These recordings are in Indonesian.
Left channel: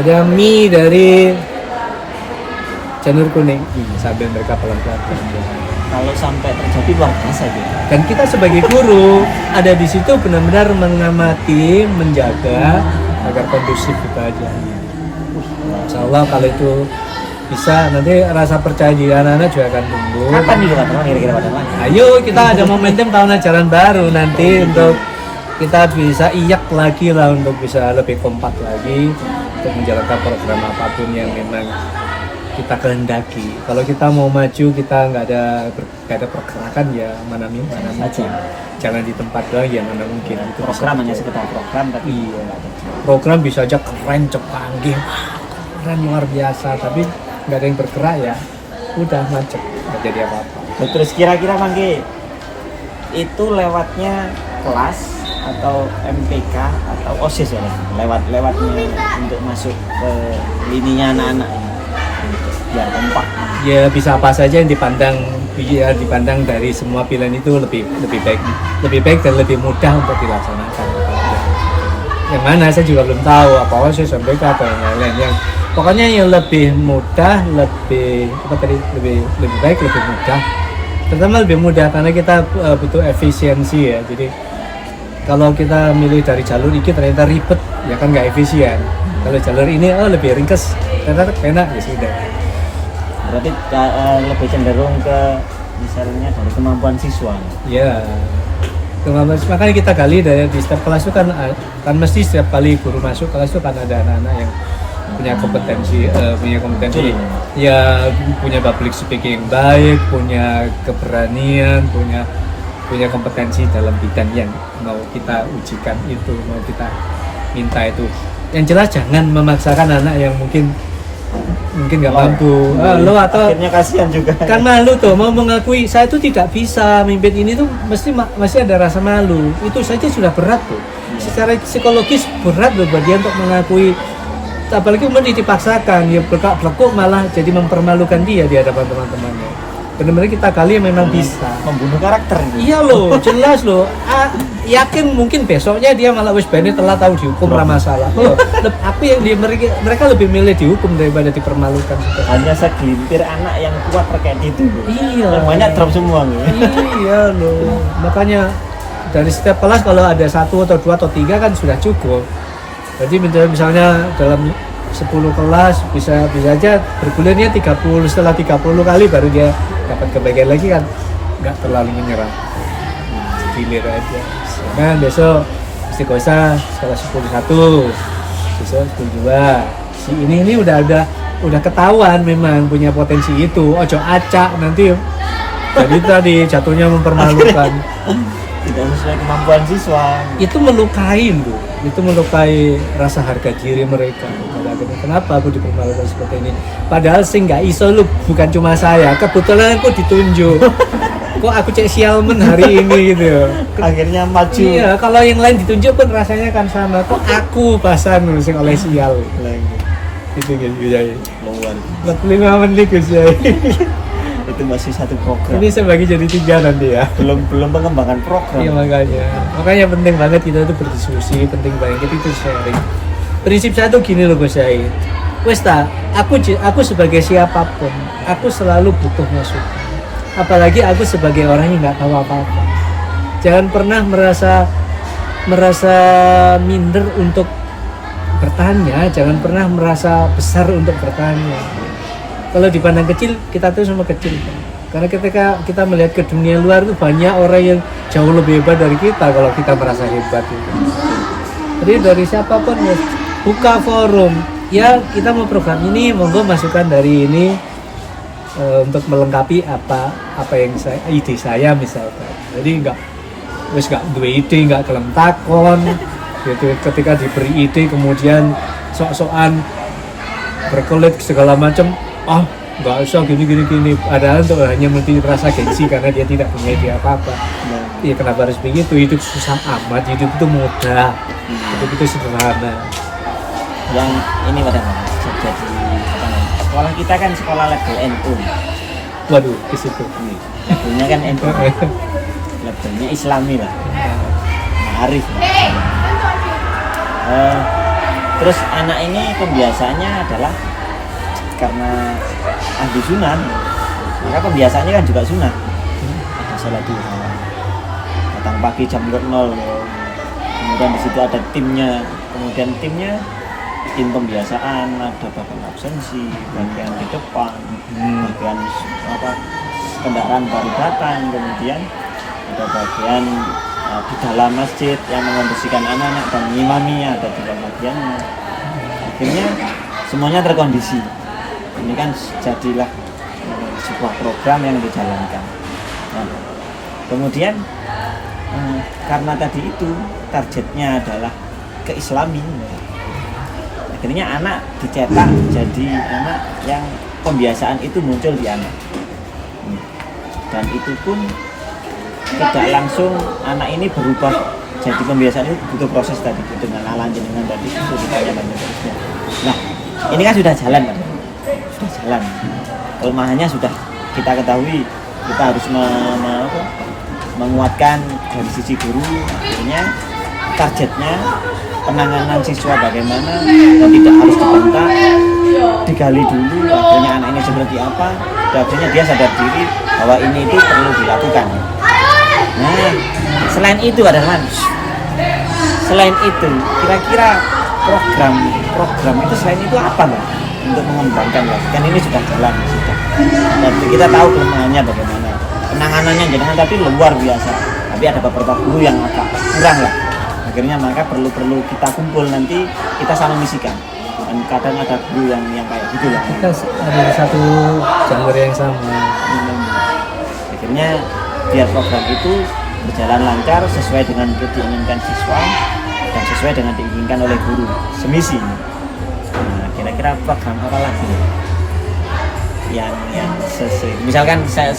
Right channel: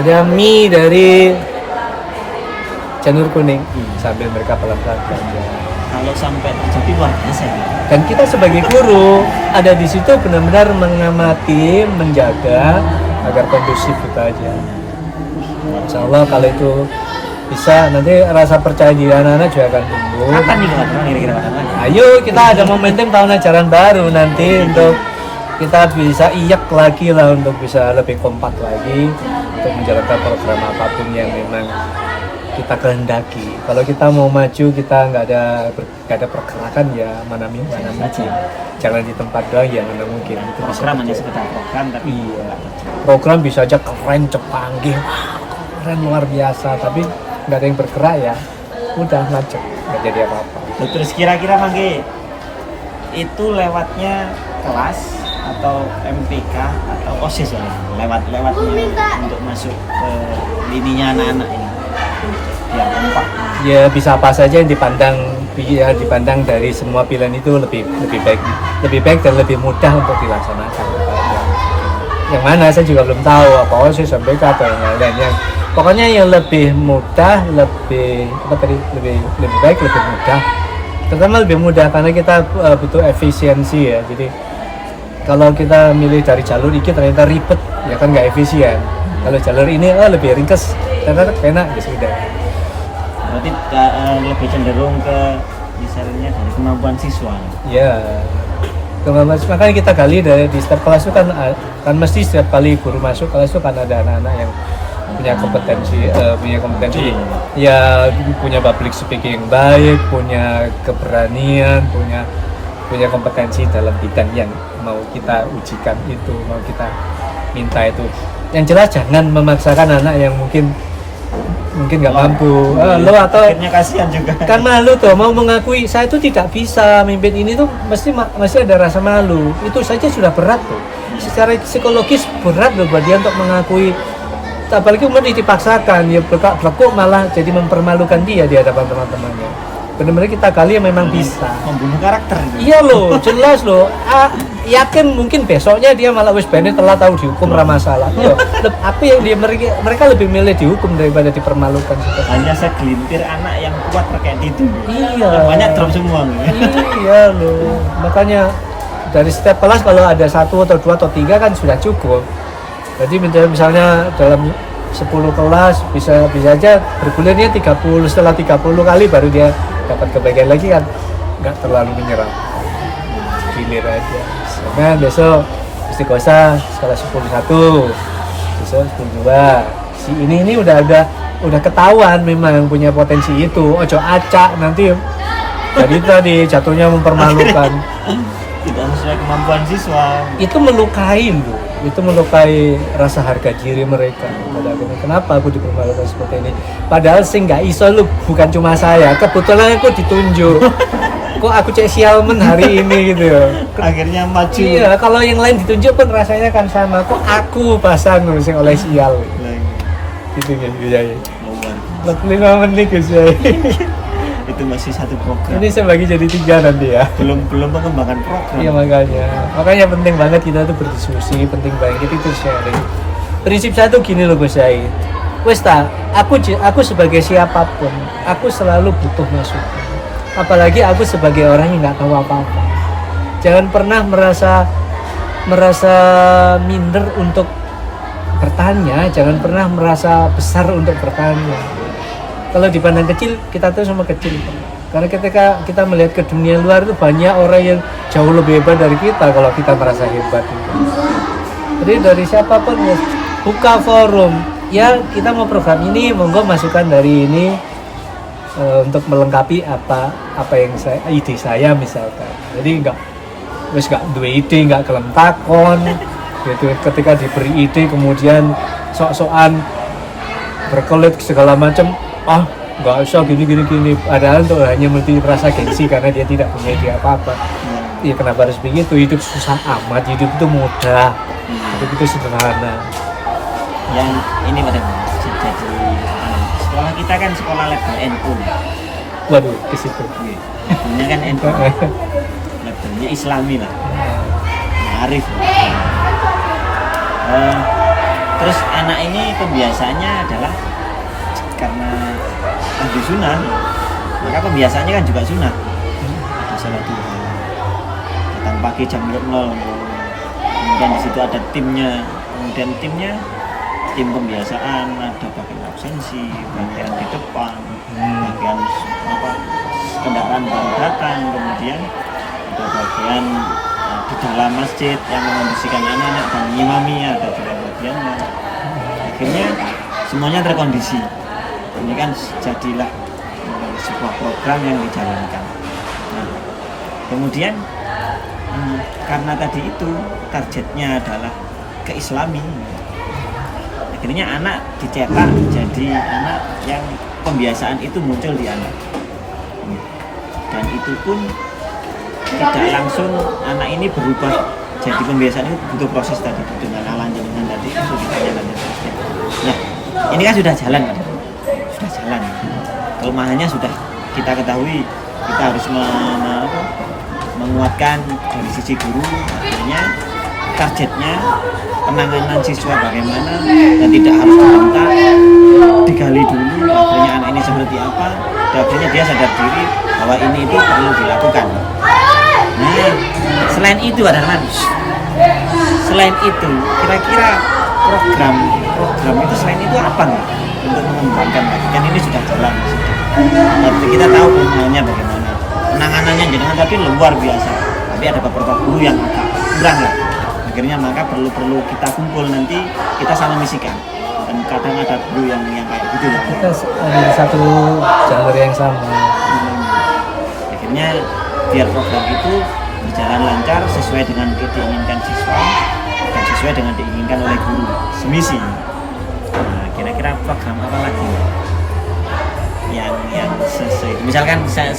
Ada mie dari Janur Kuning sambil mereka pelan-pelan belajar. Kalau sampai terjadi luar biasa gitu. Dan kita sebagai guru ada di situ benar-benar mengamati, menjaga agar kondusif itu aja. Insya Allah kalau itu bisa, nanti rasa percaya diri anak-anak juga akan tumbuh. Kapan nih Pak kira-kira Pak lagi? Ayo kita ada momentum tahun ajaran baru nanti untuk kita bisa iyak lagi lah, untuk bisa lebih kompak lagi untuk menjalankan program apapun yang memang kita kehendaki. Kalau kita mau maju, kita nggak ada pergerakan, ya mana maju. Jangan di tempat doang, ya mana mungkin. Itu Program hanya sekedar program, tapi iya. Program bisa aja keren, canggih, keren luar biasa, tapi nggak ada yang bergerak ya, udah macet, nggak jadi apa-apa. Terus kira-kira mangke itu lewatnya kelas atau MPK atau OSIS ya, lewatnya untuk masuk ke lininya anak-anak ini untuk biar kompak. Ya bisa apa saja yang dipandang dari semua pilihan itu lebih baik dan lebih mudah untuk dilaksanakan. Yang mana saya juga belum tahu, apa OSIS, MPK atau yang lainnya. Pokoknya yang lebih mudah, lebih baik, lebih mudah. Terutama lebih mudah karena kita butuh efisiensi ya. Jadi kalau kita milih dari jalur ini ternyata ribet, ya kan nggak efisien. Kalau jalur ini lebih ringkas, ternyata enak, ya sudah. Berarti lebih cenderung ke misalnya dari kemampuan siswa. Ya, makanya kita gali di setiap kelas itu kan mesti setiap kali guru masuk kelas itu kan ada anak-anak yang punya kompetensi ya, punya public speaking baik, punya keberanian, punya kompetensi dalam bidang yang mau kita ujikan itu, mau kita minta itu. Yang jelas jangan memaksakan anak yang mungkin nggak mampu, lo atau akhirnya kasihan juga. Kan malu tuh mau mengakui saya itu tidak bisa mimpin ini tuh, masih ada rasa malu. Itu saja sudah berat tuh. Secara psikologis berat loh buat dia untuk mengakui. Apalagi kemudian dipaksakan, dia bekuk malah jadi mempermalukan dia di hadapan teman-temannya. Benar-benar kita kali yang memang bisa membunuh karakter gitu. Iya loh, jelas loh. Yakin mungkin besoknya dia malah wis bene telah tahu dihukum ramah masalah. Apa yang mereka lebih milih dihukum daripada dipermalukan. Hanya segelintir anak yang kuat terkait itu. Iya. Banyak drop semua gitu. Iya loh. Makanya dari setiap kelas kalau ada 1 atau 2 atau 3 kan sudah cukup. Jadi misalnya dalam 10 kelas bisa aja bergulirnya 30, setelah 30 kali baru dia dapat kebagian lagi, kan nggak terlalu menyerah, gilir aja. Nah besok istiqosah sekolah 10 1, besok 10 2. Si ini udah ketahuan memang punya potensi itu, ojo acak nanti jadi tadi jatuhnya mempermalukan. Tidak sesuai kemampuan siswa. Itu melukai loh, itu melukai rasa harga diri mereka. Kenapa aku dipermalukan seperti ini? Padahal sih nggak iso lu, bukan cuma saya. Kebetulan aku ditunjuk. Kok aku cek sialmen hari ini gitu. Akhirnya maju. Iya, kalau yang lain ditunjuk pun rasanya kan sama. Kok aku pasan sing oleh sial. Lagi. Itu gitu ya. Luar. 45 menit Gus ya. Itu masih satu program. Ini saya bagi jadi 3 nanti ya. Belum pengembangan program. Iya makanya penting banget kita tuh berdiskusi, penting banget itu sharing. Prinsip saya tuh gini loh Gus Yai. Wes aku sebagai siapapun, aku selalu butuh masukan. Apalagi aku sebagai orang yang nggak tahu apa-apa. Jangan pernah merasa minder untuk bertanya, jangan pernah merasa besar untuk bertanya. Kalau dipandang kecil, kita tuh sama kecil. Karena ketika kita melihat ke dunia luar itu banyak orang yang jauh lebih hebat dari kita kalau kita merasa hebat. Jadi dari siapapun ya, buka forum. Ya kita mau program ini, monggo masukan dari ini untuk melengkapi apa yang ide saya misalkan. Jadi nggak dua ide, nggak kelem takon. Gitu. Ketika diberi ide kemudian sok-sokan berkelit segala macam. Nggak usah gini. Padahal untuk hanya merasa gengsi karena dia tidak punya ide apa-apa. Ya kenapa harus begitu? Hidup susah amat, hidup itu mudah, hidup itu sederhana. Yang ini pada terjadi apa namanya? Sekolah kita kan sekolah label NU. Waduh, ke situ. Labelnya kan NU. Labelnya Islami lah. Ma'arif lah. Terus anak ini pembiasaannya adalah karena ahli sunnah, maka pembiasaannya kan juga sunnah. Salat duha, datang pagi jam 0, kemudian di situ ada timnya, kemudian tim pembiasaan, ada bagian absensi, bagian di depan, bagian kendaraan baru datang, kemudian ada bagian di dalam masjid yang membersihkan anak-anak dan mengimami, ada juga bagiannya. Akhirnya semuanya terkondisi. Ini kan jadilah sebuah program yang dijalankan. Nah, kemudian karena tadi itu targetnya adalah keislamin, akhirnya anak dicetak jadi anak yang pembiasaan itu muncul di anak, dan itu pun tidak langsung anak ini berubah jadi pembiasaan. Itu butuh proses tadi dengan alam jenengan tadi itu ditanya dan seterusnya. Nah, ini kan sudah jalan kan, sudah jalan, kelemahannya sudah kita ketahui, kita harus menguatkan dari sisi guru. Akhirnya targetnya penanganan siswa bagaimana, dan tidak harus dibentak, digali dulu akhirnya anak ini seperti apa, dan akhirnya dia sadar diri bahwa ini itu perlu dilakukan. Nah, selain itu ada kan, selain itu kira-kira program itu selain itu apa nih untuk mengembangkan lagi, kan ini sudah jalan, tapi kita tahu kelemahannya bagaimana, penanganannya jangan tapi luar biasa, tapi ada beberapa guru yang agak kurang lah. Akhirnya maka perlu kita kumpul, nanti kita sama misikan, dan kadang ada guru yang kayak gitu lah, kita ada di satu jalur yang sama. Akhirnya biar program itu berjalan lancar sesuai dengan diinginkan siswa dan sesuai dengan diinginkan oleh guru semisi. Nah, kira-kira program apa lagi yang sesuai? Misalkan saya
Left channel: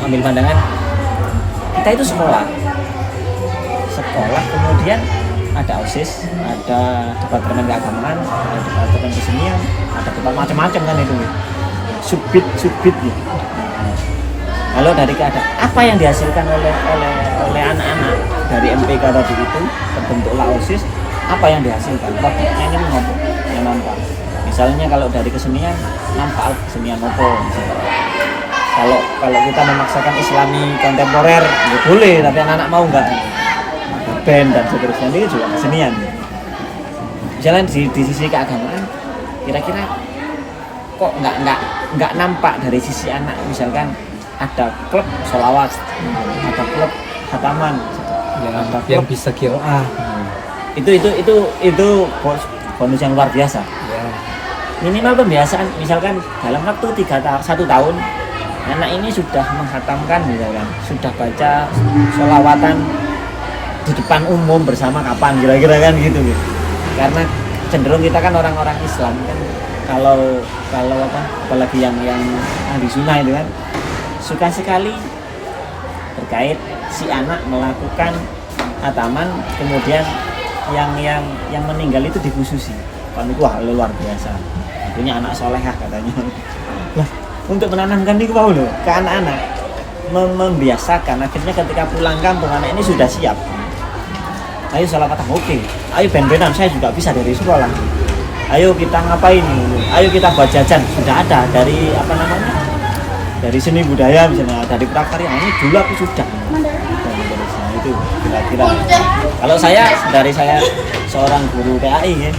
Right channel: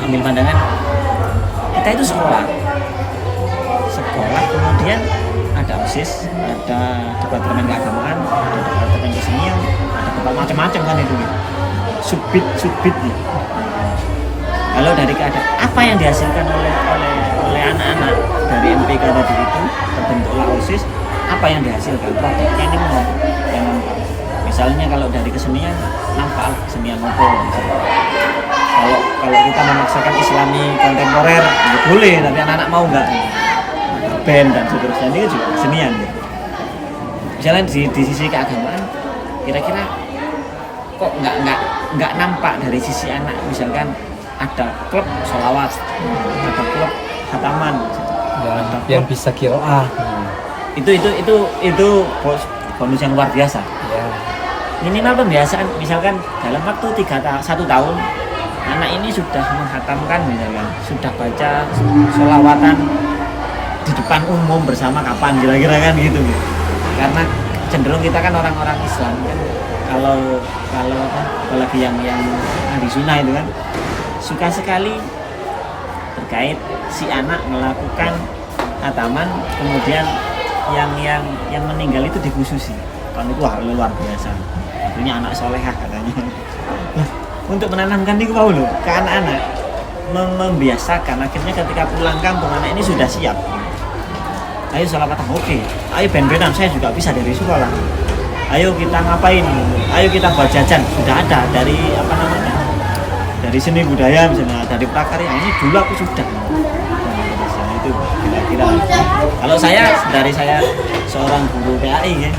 ambil pandangan, kita itu sekolah, kemudian ada OSIS, ada departemen keagamaan, ada departemen kesenian, ada tempat macam-macam kan itu gitu. Subbit gitu. Kalau dari keadaan apa yang dihasilkan oleh anak-anak dari MPK tadi itu, terbentuklah OSIS, apa yang dihasilkan? Produknya ini mengapa yang nampak. Misalnya kalau dari kesenian, nampak kesenian apa? Kalau kita memaksakan Islami kontemporer, ya boleh, tapi anak-anak mau nggak? Ada band dan seterusnya, ini juga kesenian. Misalnya di sisi keagamaan, kira-kira kok nggak nampak dari sisi anak, misalkan ada klub sholawat, ada klub khataman, ya, ada yang bisa qiraah. Itu bonus yang luar biasa. Ya. Minimal pembiasaan, misalkan dalam waktu 1 tahun anak ini sudah menghatamkan, misalkan sudah baca sholawatan di depan umum bersama kapan, kira-kira kan gitu. Karena cenderung kita kan orang-orang Islam kan, kalau apalagi yang ahli sunnah itu kan suka sekali terkait si anak melakukan khataman, kemudian yang meninggal itu dikhususi. Kan itu hal luar biasa. Artinya anak solehah katanya. Lah, untuk menanamkan itu mau loh ke anak-anak, membiasakan, akhirnya ketika pulang kampung anak ini sudah siap. Ayo sholawatan, oke. Ayo ben-benan, saya juga bisa dari sekolah. Ayo kita ngapain? Ayo kita buat jajan. Sudah ada dari dari seni budaya, misalnya dari prakarya, ini dulu aku sudah. Nah, itu kira-kira. Kalau dari saya seorang guru PAI ya,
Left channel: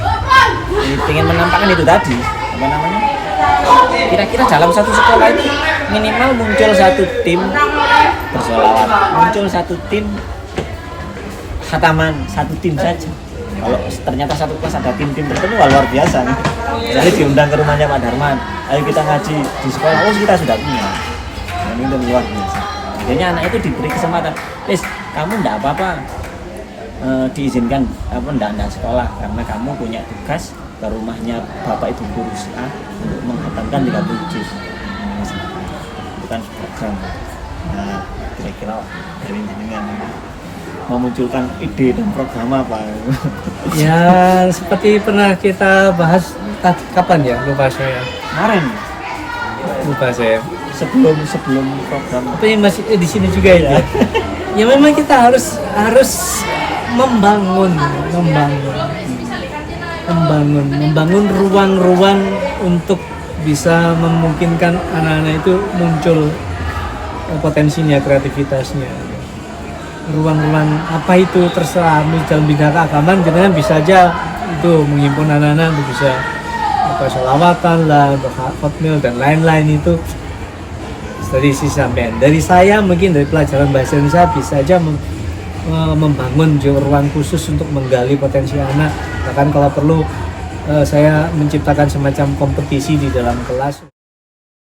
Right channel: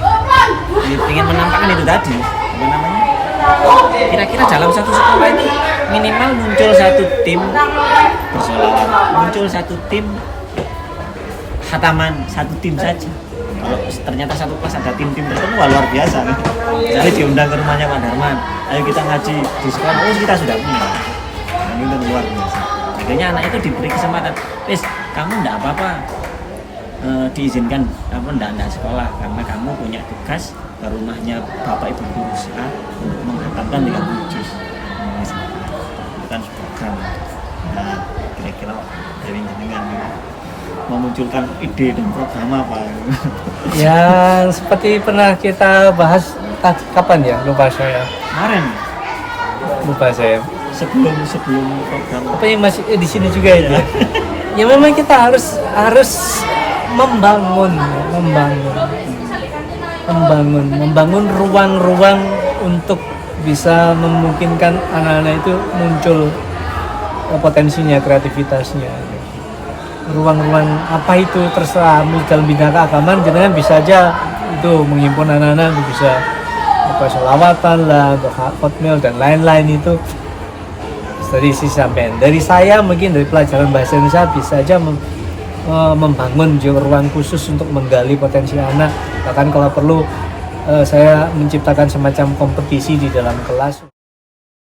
ingin menampakkan itu tadi, kira-kira dalam satu sekolah itu minimal muncul satu tim bersolawat, muncul satu tim khataman, satu tim saja. Kalau ternyata satu kelas ada tim-tim tertentu, luar biasa nih. Misalnya diundang ke rumahnya Pak Darman, ayo kita ngaji di sekolah, kita sudah punya. Dan itu luar biasa. Akhirnya anak itu diberi kesempatan, kamu enggak apa-apa, diizinkan enggak sekolah, karena kamu punya tugas ke rumahnya Bapak Ibu Guru A untuk menghatamkan 30 juz. Itu kan program. Nah, kira-kira dari jenengan memunculkan ide dan program apa? Yang seperti pernah kita bahas kapan ya? Lupa saya. Kemarin. Lupa saya. Sebelum program. Apa yang masih di sini juga itu? Ya memang kita harus membangun. membangun ruang-ruang untuk bisa memungkinkan anak-anak itu muncul potensinya, kreativitasnya. Ruang-ruang apa itu terserah, dalam bidang keagamaan kita kan bisa aja itu menghimpun anak-anak bisa sholawatan lah, hotmail dan lain-lain itu dari sisi sampean. Dari saya mungkin dari pelajaran bahasa Indonesia bisa aja membangun ruang khusus untuk menggali potensi anak, bahkan kalau perlu saya menciptakan semacam kompetisi di dalam kelas.